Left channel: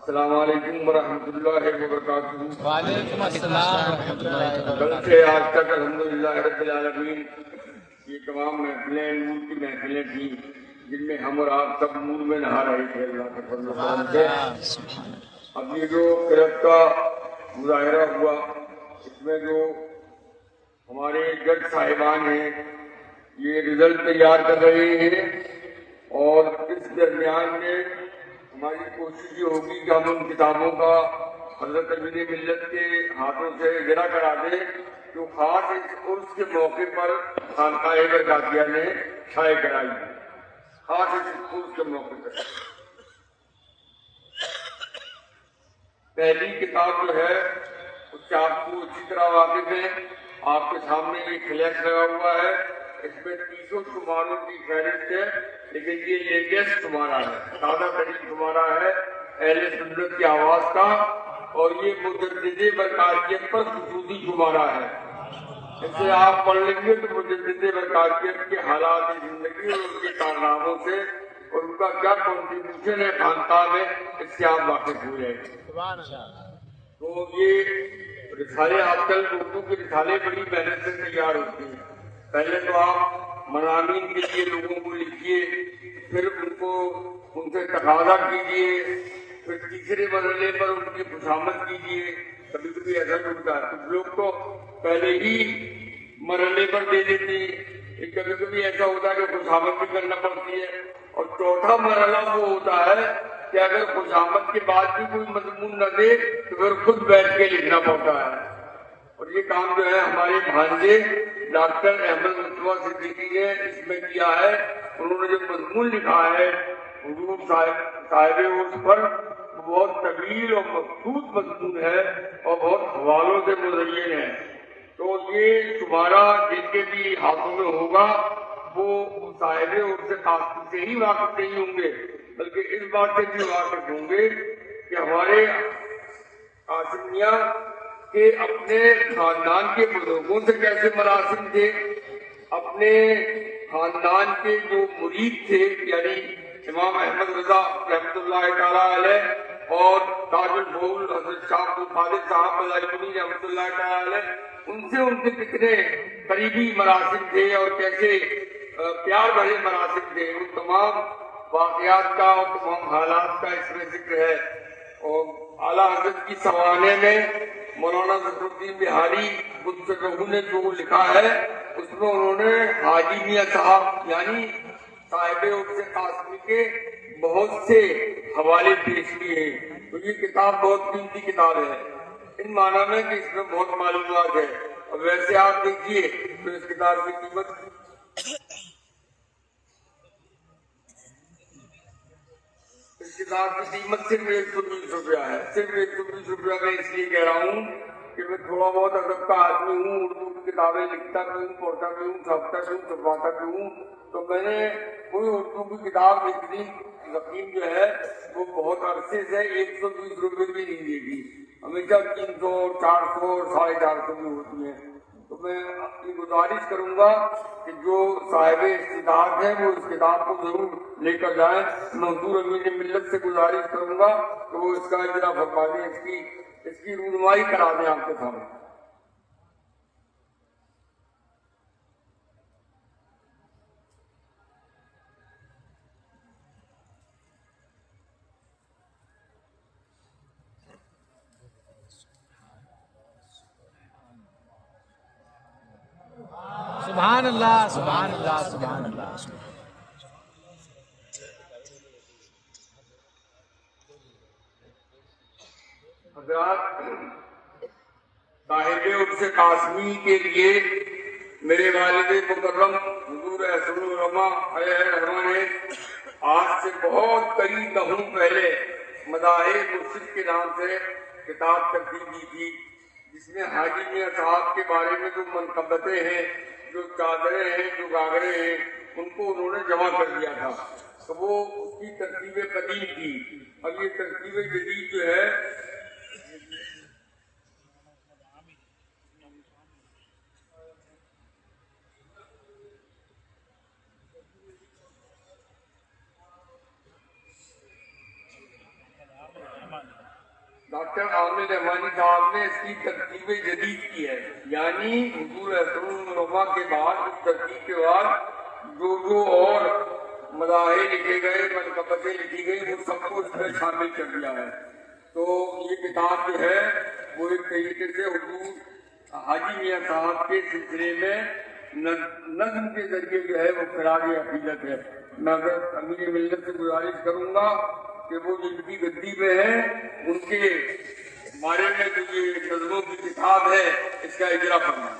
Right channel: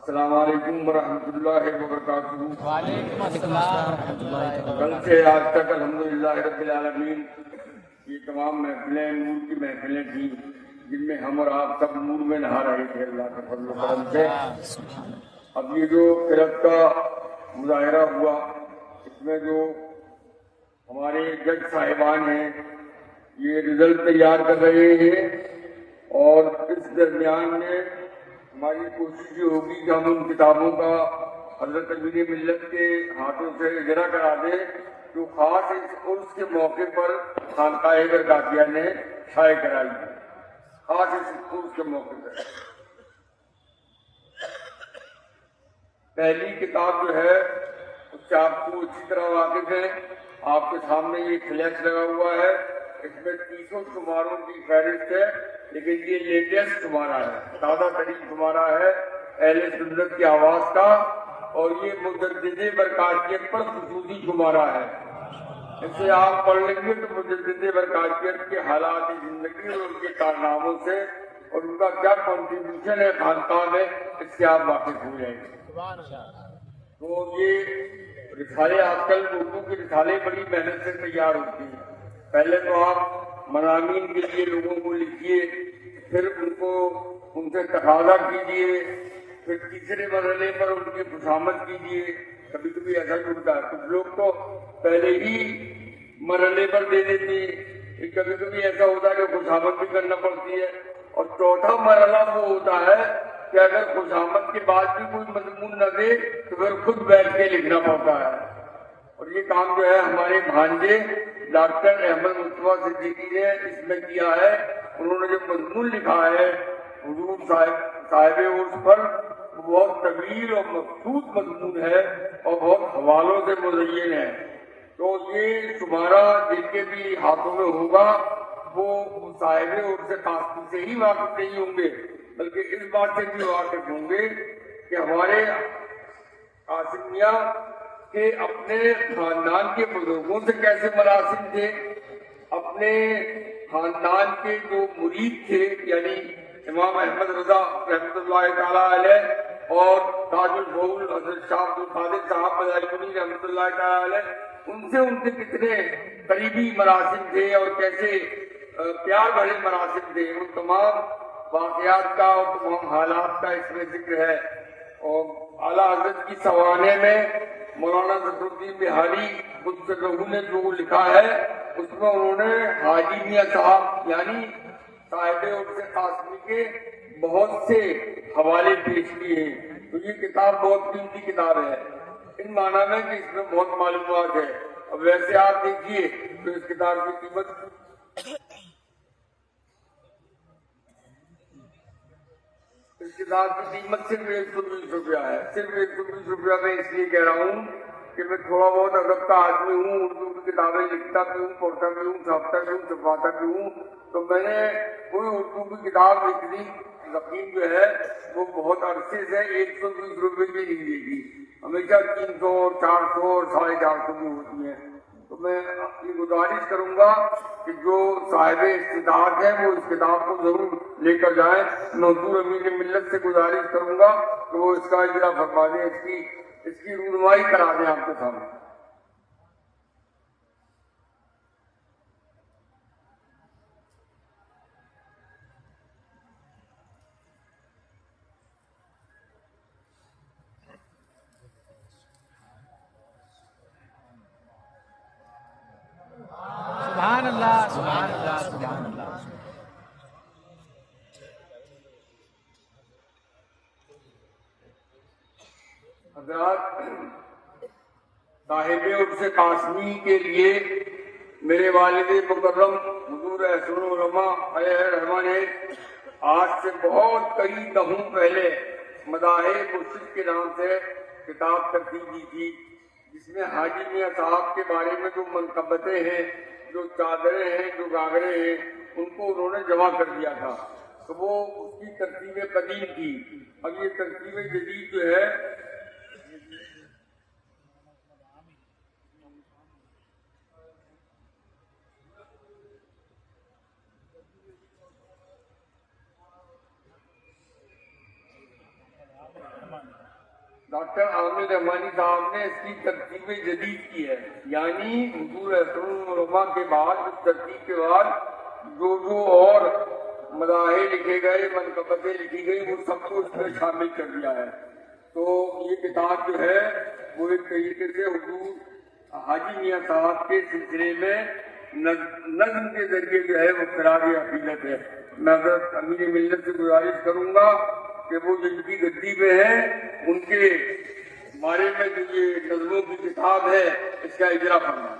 السلام علیکم ورحمۃ اللہ وبرکاتہ۔ وعلیکم السلام ورحمۃ اللہ تعالیٰ۔ کل سے آج تک الحمدللہ رب العالمین یہ تمام محفلیں نور کی محفلیں تھیں جن میں ہم اور آپ سب نور میں نہا رہے تھے اللہ کے فضل و کرم سے۔ اب یہ جو قرت کا مظاہرہ ہوا اس میں جو ہمارے جج صاحبان ہیں یہ رزلٹ تیار کر رہے ہیں، اور اس درمیان میں ہماری کوشش یہ ہوگی کہ ہم ان کتابوں کا حضرت امین ملت کے ہاتھوں سے اجرا کرا دیں جو خاص اس عرس کے موقع پر خانقاہ برکاتیہ نے شائع کرائی ہے، خاص اس عرس کے موقع پر۔ پہلی کتاب جو ہے اس سے آپ کو اچھی طرح واقف ہے، آپ کے سامنے یہ فلیکس لگا ہوا ہے، اس میں 300 شماروں کی فہرست ہے، لیکن یہ لیٹسٹ شمارہ ہے، تازہ ترین شمارہ ہے اہل سنت کی آواز کا، اور یہ مجدد برکاتیت پر خصوصی شمارہ ہے۔ اسے آپ پڑھ لیں گے تو مجدد برکاتیت کے حالات زندگی اور ان کے کارناموں سے اور ان کا کیا کنٹریبیوشن ہے خانقاہ میں، اس سے آپ واقف ہو جائیں گے۔ تو یہ رسالے آج کل اردو کے رسالے بڑی محنت سے تیار ہوتے ہیں۔ پہلے تو آپ مضامین کے لیے لوگوں کو لکھیے، پھر ان سے تقاضا کیجیے، پھر تیسرے مرحلے پر ان کی خوشامد کیجیے۔ کبھی کبھی ایسا ہوتا ہے کچھ لوگ تو پہلے ہی مرحلے پر دے دیتے ہیں، کبھی کبھی ایسا ہوتا ہے کہ خوشامد بھی کرنا پڑتی ہے، اور چوتھا مرحلہ وہ ہوتا ہے کہ اگر خوشامد کے بعد بھی کوئی مضمون نہ دے تو پھر خود بیٹھ کے لکھنا پڑتا ہے۔ اور یہ کام جو ہے ہمارے بھانجے ڈاکٹر احمد مصطفیٰ صدیقی نے اس میں کیا ہے۔ انہوں نے جو مضمون لکھا ہے حضور صاحب عرس پر، وہ بہت طویل اور مخصوص مضمون ہے اور بہت حوالوں سے مزین ہے۔ تو یہ شمارہ جن کے بھی ہاتھوں میں ہوگا وہ صاحب عرس قاسمی سے ہی واقف نہیں ہوں گے، بلکہ اس بات سے بھی واقف ہوں گے کہ ہمارے قاسمیہ کہ اپنے خاندان کے بزرگوں سے کیسے مراسم تھے، اپنے خاندان کے جو مرید تھے یعنی امام احمد رضا رحمۃ اللہ تعالیٰ علیہ اور تاج الفضول حضرت شاہ عبد القادر صاحب مدائنی رحمۃ اللہ تعالیٰ علیہ، ان سے کتنے قریبی مراسم تھے اور کیسے پیار بھرے مراسم تھے، ان تمام واقعات کا اور تمام حالات کا اس میں ذکر ہے۔ اور اعلیٰ حضرت کی سوانح میں مولانا ظفر الدین بہاری نے جو لکھا ہے اس میں انہوں نے حاجی میاں صاحب یعنی صاحب عرس قاسمی کے بہت سے حوالے پیش کیے ہیں۔ تو یہ کتاب بہت قیمتی کتاب ہے ان معنی میں کہ اس میں بہت معلومات ہے، اور ویسے آپ دیکھیے تو اس کتاب کی قیمت صرف 120 روپیہ ہے، صرف 120 روپیہ میں اس لیے کہہ رہا ہوں کہ میں تھوڑا بہت ادب کا آدمی ہوں، اردو کی کتابیں لکھتا بھی ہوں، پڑھتا بھی ہوں، چھاپتا بھی ہوں، چھپواتا بھی ہوں، تو میں نے کوئی اردو کی کتاب لکھنی یقین جو ہے وہ بہت عرصے سے 120 روپے بھی نہیں دے گی، ہمیشہ 300 400 اور 450 بھی ہوتی ہیں۔ تو میں یہ گزارش کروں گا کہ جو صاحب استطاعت ہیں وہ اس کتاب کو ضرور لے کر جائیں۔ میں حضور امین ملت سے گزارش کروں گا کہ وہ اس کا اجرا فرما دیں، اس کی رونمائی کرا دیں آپ کے سامنے۔ سبحان اللہ، سبحان اللہ، سبحان اللہ۔ حضرات، صاحب عرس قاسمی کے لیے میرے والد مکرم حضور احسن العلماء علیہ رحمہ نے آج سے بہت کئی دہوں پہلے مداح مرشد کے نام سے کتاب ترتیب کی تھی، جس میں حاجی میاں صاحب کے بارے میں جو منقبتیں ہیں، جو چادریں ہیں، جو گاگرے ہیں، ان کو انہوں نے جمع کر دیا تھا۔ تو وہ اس کی ترتیب قدیم تھی۔ اب یہ ترتیب جدید جو ہے ڈاکٹر عامر رحمانی صاحب نے اس کی ترتیب جدید کی ہے، یعنی حضور اکرم کے بعد اس ترتیب کے بعد جو اور مداحے لکھے گئے، منقبتیں لکھی گئی، وہ سب کو اس میں شامل کر دیا ہے۔ تو یہ کتاب جو ہے وہ ایک طریقے سے حضور حاجی میاں صاحب کے سلسلے میں نظم کے ذریعے جو ہے وہ خراج عقیدت ہے۔ میں حضرت امیر ملت سے گزارش کروں گا کہ وہ جن کی گدی پہ ہیں ان کے بارے میں جو یہ نظموں کی کتاب ہے اس کا اجرا فرمائیں۔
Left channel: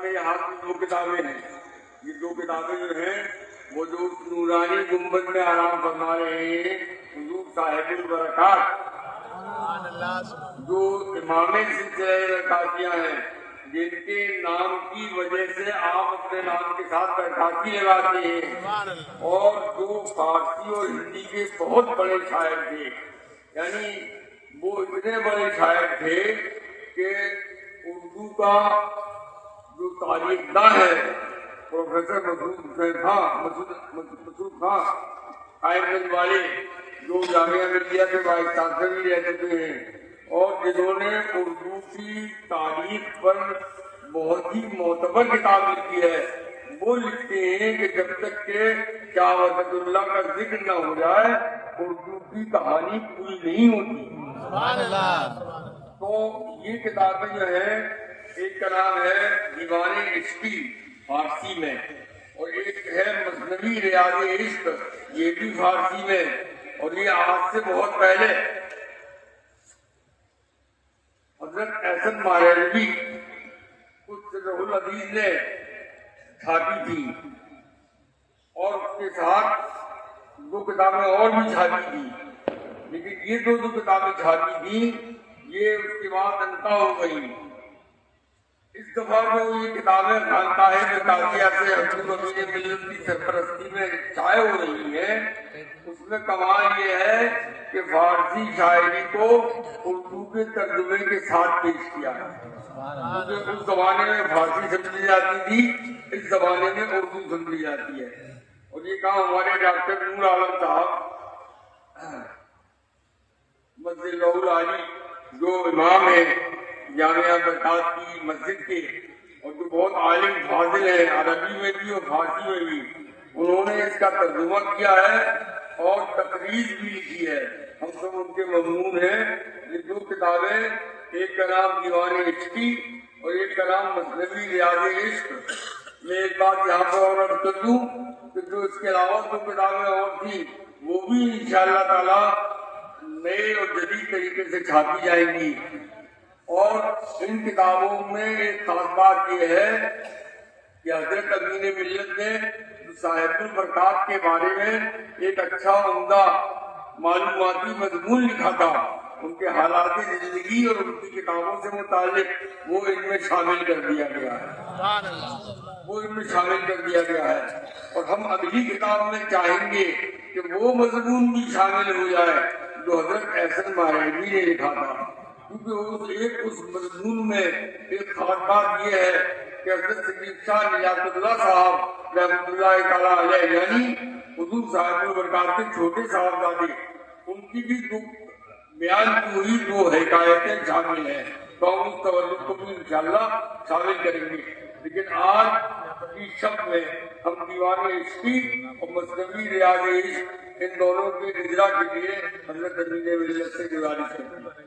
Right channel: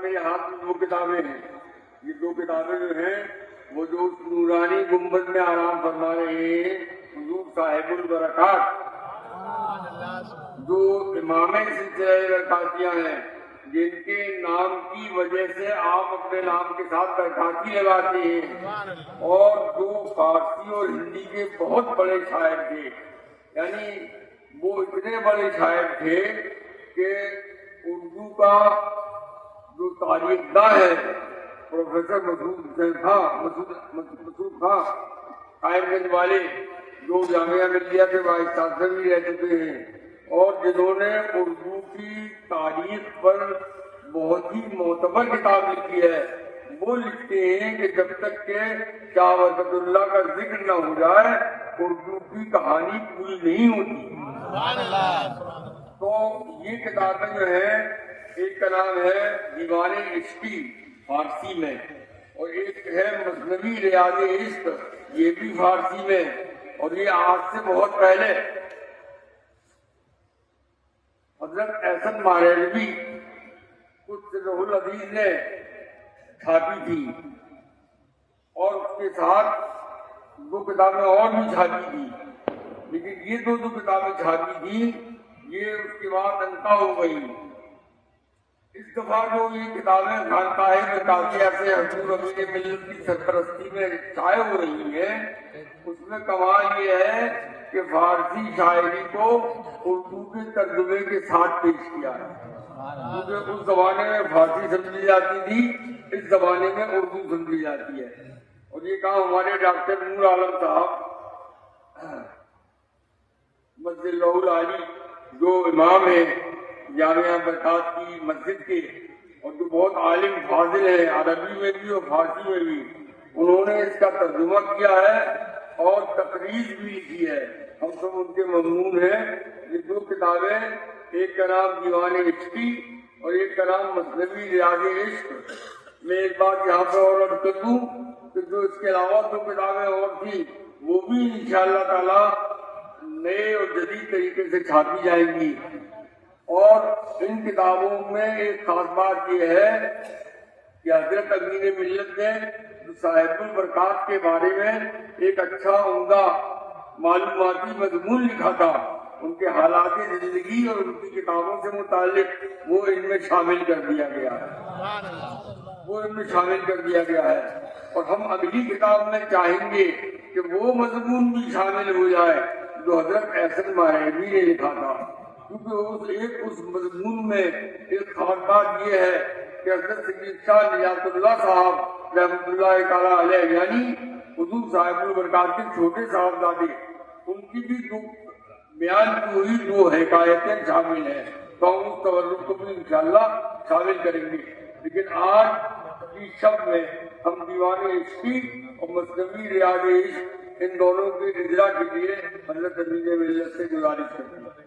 میرے ہاتھ میں دو کتابیں ہیں، یہ دو کتابیں جو ہیں وہ جو اس نورانی گنبد میں آرام فرما رہے ہیں حضور صاحب البرکات، جو امام سلسلہ برکاتیاں ہیں، جن کے نام کی وجہ سے آپ اپنے نام کے ساتھ برکاتی لگاتے ہیں، اور جو فارسی اور ہندی کے بہت بڑے شاعر تھے، یعنی وہ اتنے بڑے شاعر تھے کہ اردو کا جو تاریخ داں ہے پروفیسر مسعود خان قائم گنج والے، جو جامعہ ملیہ کے وائس چانسلر بھی رہ چکے ہیں، اور جنہوں نے اردو کی تاریخ پر بہت ہی معتبر کتاب لکھی ہے، وہ لکھتے ہیں کہ جب تک کہ شاہ وحدت اللہ کا ذکر نہ ہو جائے اردو کی کہانی پوری نہیں ہوتی۔ تو یہ کتابیں جو ہے، ایک کا نام ہے دیوان عشقی فارسی میں، اور ایک ہے مثنوی ریاض عشق، یہ بھی فارسی میں، اور یہ آج سے بہت پہلے حضرت احسن ماریلوی کچھ العزیز نے چھاپی تھی، اور اس کے ساتھ دو کتابیں اور بھی چھاپی تھی، لیکن یہ دو کتابیں چھاپی تھی، یہ اس کے بعد انتہا ہو گئی۔ اس دفعہ جو یہ کتابیں خانقاہ مرکزیہ سے حضور امیر ملت کی سرپرستی میں شائع ہو رہی ہیں، اس میں کمال یہ ہے کہ فارسی شاعری کو اردو کے ترجمے کے ساتھ پیش کیا ہے، کیونکہ اس زمانے میں فارسی سمجھی جاتی تھی، اس زمانے میں اردو سمجھی جاتی ہے۔ اور یہ کام ہمارے ڈاکٹر نور عالم صاحب مسجد اللہ العالی، جو امام ہے جامعہ برکات کی مسجد کے، اور جو بہت عالم فاضل ہے عربی میں بھی اور فارسی میں بھی، انہوں نے اس کا ترجمہ کیا ہے اور تقریر بھی لکھی ہے، ہم سب ان کے ممنون ہیں۔ یہ دو کتابیں، ایک کا نام دیوان عشقی اور ایک کا نام مثنوی ریاض عشق۔ میں ایک بات یہاں پر اور عرض کر دوں کہ جو اس کے علاوہ دو کتابیں اور تھیں وہ بھی انشاءاللہ تعالی نئے اور جدید طریقے سے چھاپی جائیں گی، اور ان کتابوں میں ایک خاص بات یہ ہے کہ حضرت امین ملت نے صاحب البرکات کے بارے میں ایک اچھا عمدہ معلوماتی مضمون لکھا تھا، ان کے حالات زندگی اور ان کی کتابوں سے متعلق، وہ ان میں شامل کر دیا گیا ہے، اور ہم اگلی کتاب میں چاہیں گے کہ وہ مضمون بھی شامل ہو جائے جو حضرت احسن ماریلوی نے لکھا تھا، کیونکہ اس مضمون میں ایک خاص بات یہ ہے کہ حضرت سید شاہ نیاز اللہ صاحب رحمۃ اللہ تعالیٰ علیہ، یعنی حضور صاحب البرکات کے چھوٹے صاحبزادے، ان کی بھی بیان کی ہوئی دو حکایتیں شامل ہیں، تو ہم اس تولد کو بھی انشاءاللہ شامل کریں گے۔ لیکن آج کی شب میں ہم دیوان عشقی اور مثنوی ریاض عشق ان دونوں کے اجرا کے لیے حضرت امین ملت سے گزارش کرتے ہیں۔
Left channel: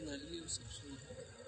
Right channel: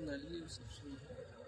Journalism.